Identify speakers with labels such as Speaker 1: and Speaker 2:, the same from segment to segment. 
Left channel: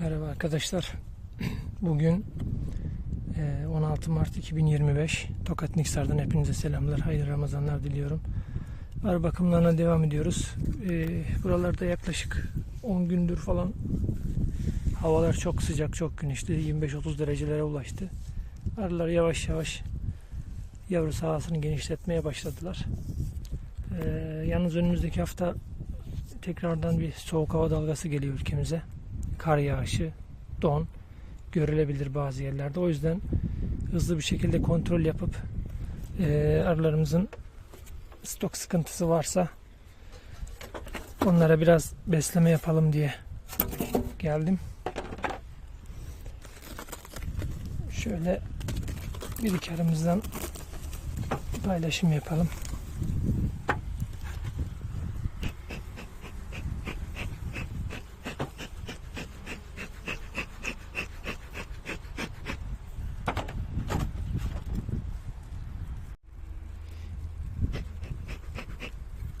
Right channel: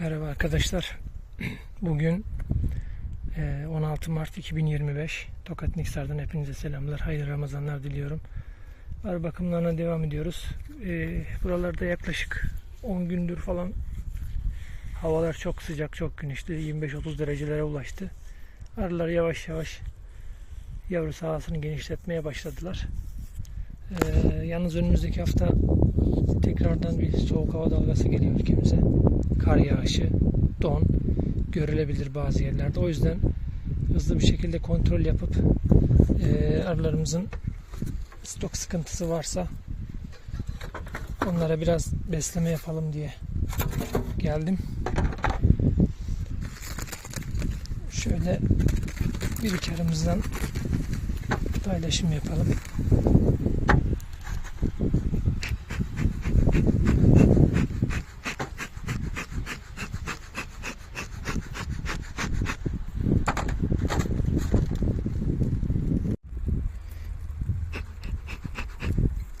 Speaker 1: Merhaba arkadaşlar. Bugün eee, 16 Mart 2025. Tokat Niksar'dan hepinize selamlar. Hayırlı Ramazanlar diliyorum. Arı bakımlarına devam ediyoruz. Eee, buralarda yaklaşık 10 gündür falan havalar çok sıcak, çok güneşli. 25-30 derecelere ulaştı. Arılar yavaş yavaş yavru sahasını genişletmeye başladılar. Eee, yalnız önümüzdeki hafta tekrardan bir soğuk hava dalgası geliyor ülkemize. Kar yağışı, don görülebilir bazı yerlerde. O yüzden hızlı bir şekilde kontrol yapıp eee arılarımızın stok sıkıntısı varsa onlara biraz besleme yapalım diye geldim. Şöyle bir iki arımızdan paylaşım yapalım.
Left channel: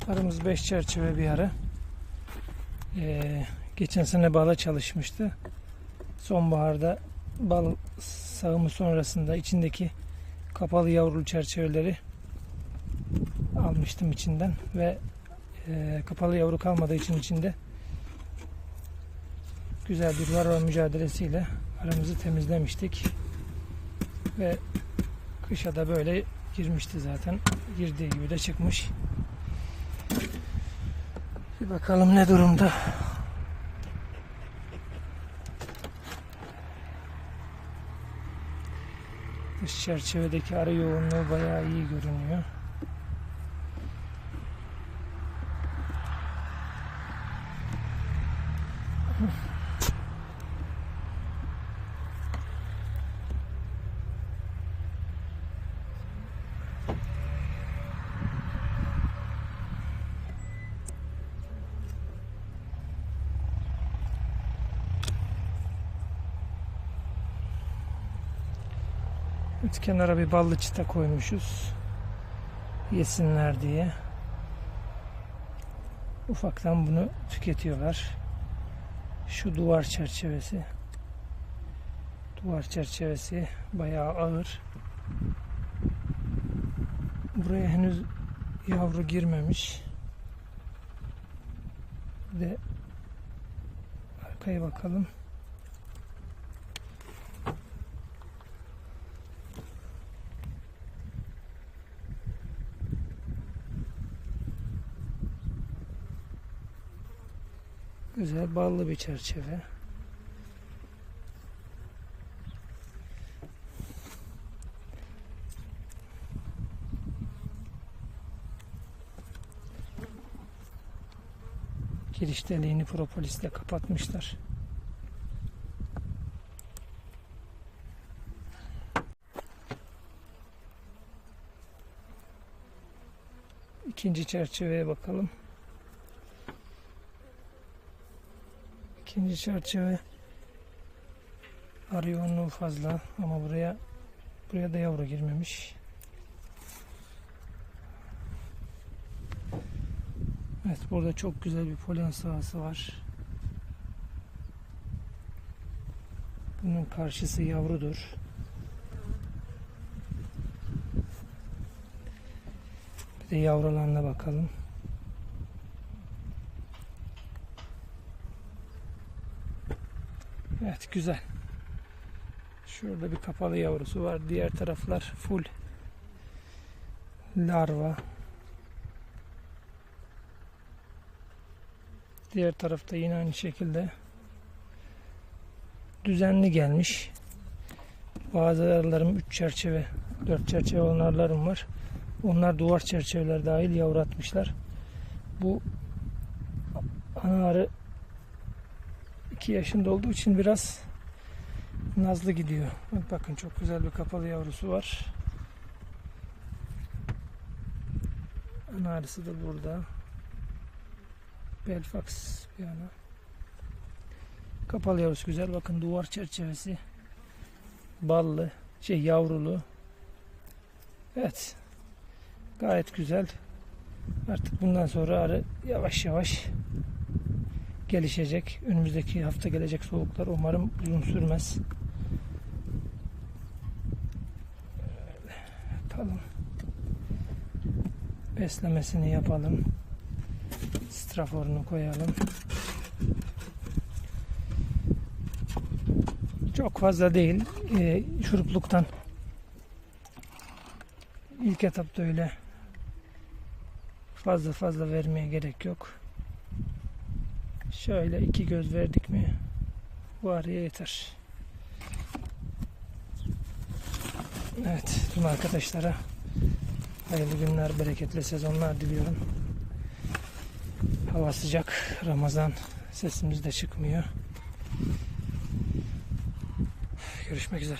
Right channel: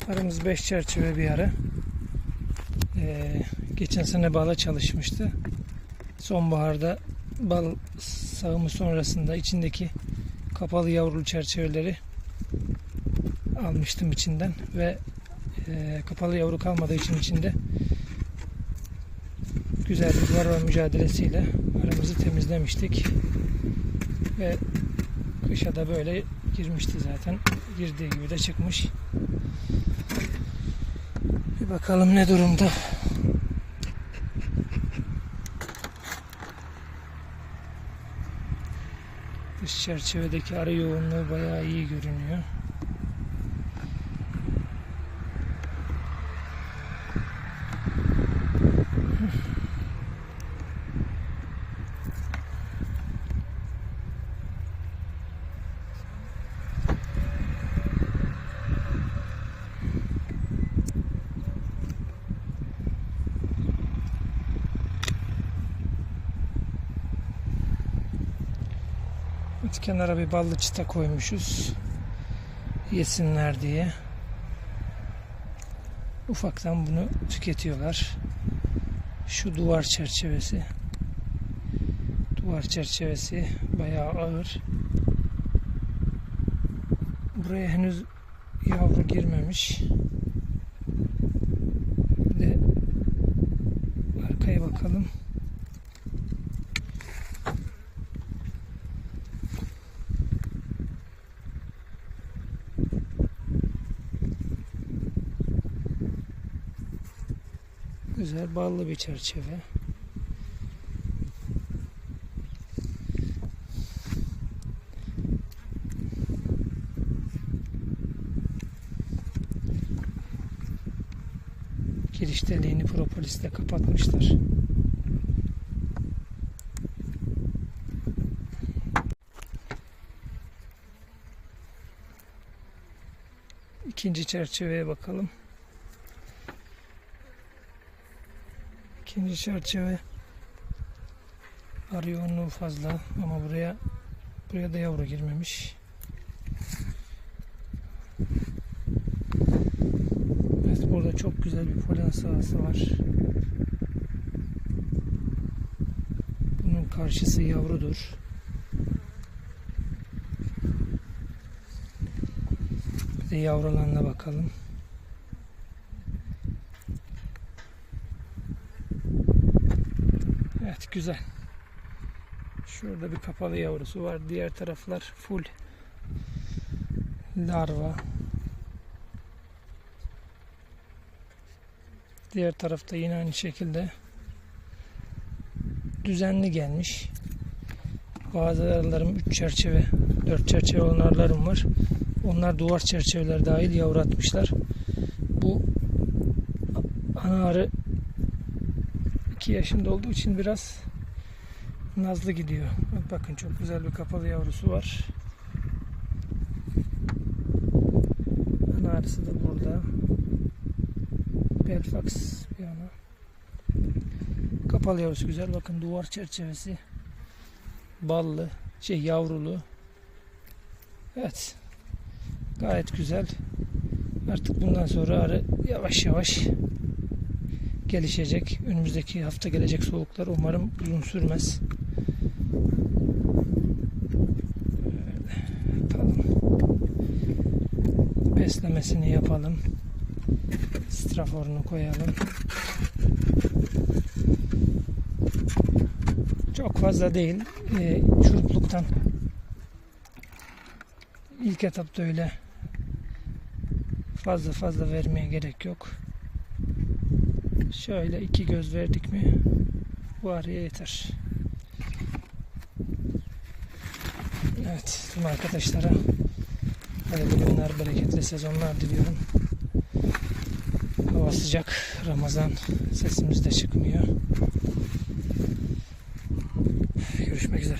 Speaker 1: Arımız 5 çerçeve bir arı. Ee, geçen sene bala çalışmıştı. Sonbaharda bal sağımı sonrasında içindeki kapalı yavrulu çerçeveleri almıştım içinden ve e, kapalı yavru kalmadığı için içinde güzel bir varroa mücadelesiyle aramızı temizlemiştik ve kışa da böyle girmişti zaten girdiği gibi de çıkmış. Bir bakalım ne durumda. Dış çerçevedeki arı yoğunluğu bayağı iyi görünüyor. Kenara bir ballı çıta koymuşuz. Yesinler diye. Ufaktan bunu tüketiyorlar. Şu duvar çerçevesi. Duvar çerçevesi bayağı ağır. Buraya henüz yavru girmemiş. Bir de arkaya bakalım. Güzel ballı bir çerçeve. Giriş deliğini propolisle kapatmışlar. İkinci çerçeveye bakalım. İkinci çerçeve arı yoğunluğu fazla ama buraya buraya da yavru girmemiş. Evet burada çok güzel bir polen sahası var. Bunun karşısı yavrudur. Bir de yavrularına bakalım. Evet güzel. Şurada bir kapalı yavrusu var. Diğer taraflar full larva. Diğer tarafta yine aynı şekilde düzenli gelmiş. Bazı arılarım 3 çerçeve, 4 çerçeve olan arılarım var. Onlar duvar çerçeveler dahil yavru atmışlar. Bu ana arı 2 yaşında olduğu için biraz nazlı gidiyor. Bak bakın çok güzel bir kapalı yavrusu var. Ana arısı da burada. Belfax bir ana. Kapalı yavrusu güzel. Bakın duvar çerçevesi. Ballı. Şey yavrulu. Evet. Gayet güzel. Artık bundan sonra arı yavaş yavaş gelişecek. Önümüzdeki hafta gelecek soğuklar umarım uzun sürmez. Yapalım. Beslemesini yapalım. Straforunu koyalım. Çok fazla değil. Ee, şurupluktan ilk etapta öyle fazla fazla vermeye gerek yok. Şöyle iki göz verdik mi bu araya yeter. Evet tüm arkadaşlara hayırlı günler, bereketli sezonlar diliyorum. Hava sıcak, Ramazan sesimiz de çıkmıyor. Görüşmek üzere.